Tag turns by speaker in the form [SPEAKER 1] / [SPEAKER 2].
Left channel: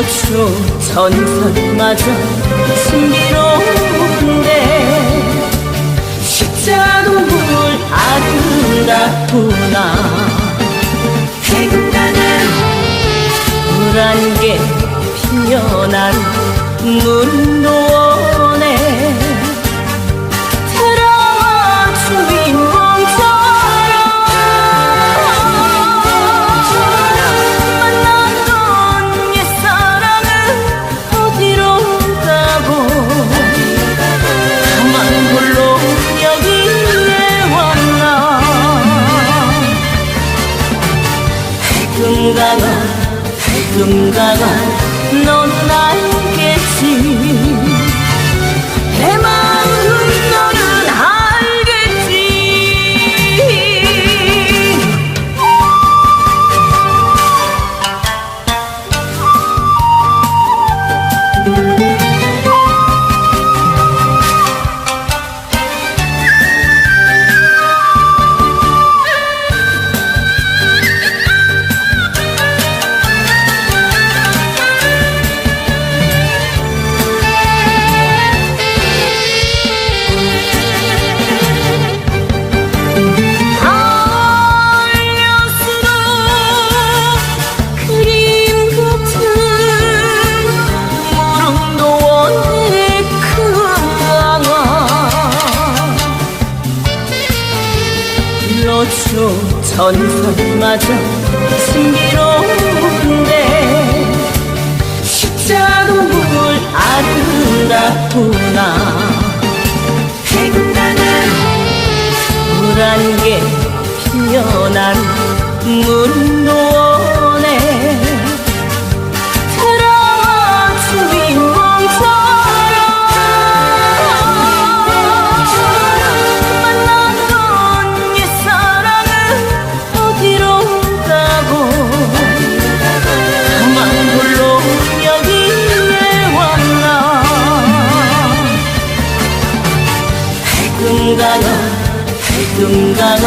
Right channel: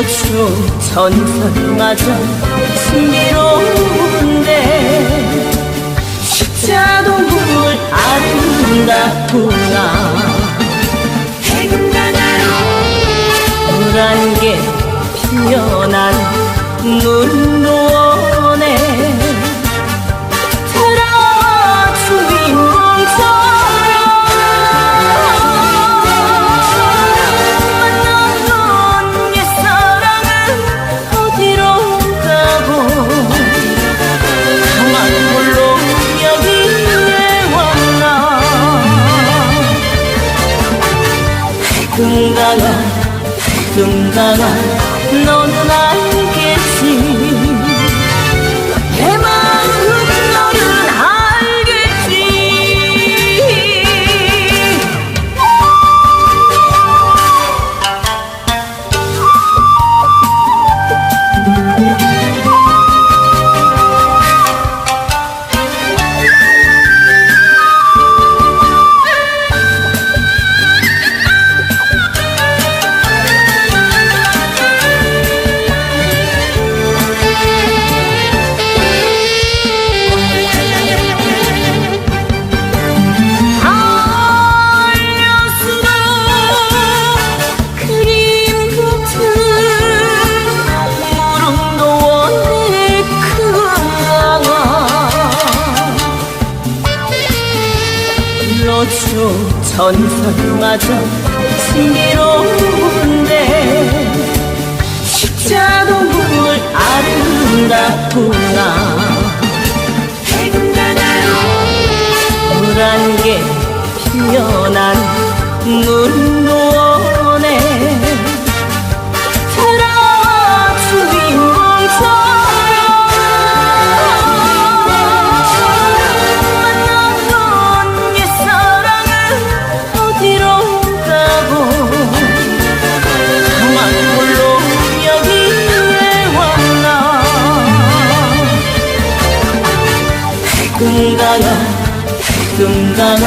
[SPEAKER 1] 일러줘 전설마저 신비로운데 십자동물 아름답구나. 물한 개 피어난 문도원에 금강아 금강아 너는 알겠지. 내 마음 너는 알겠지 일러줘 전설마저 신비로운데 십자동물 아름답구나. 물한 개 피어난 문도원에 금강아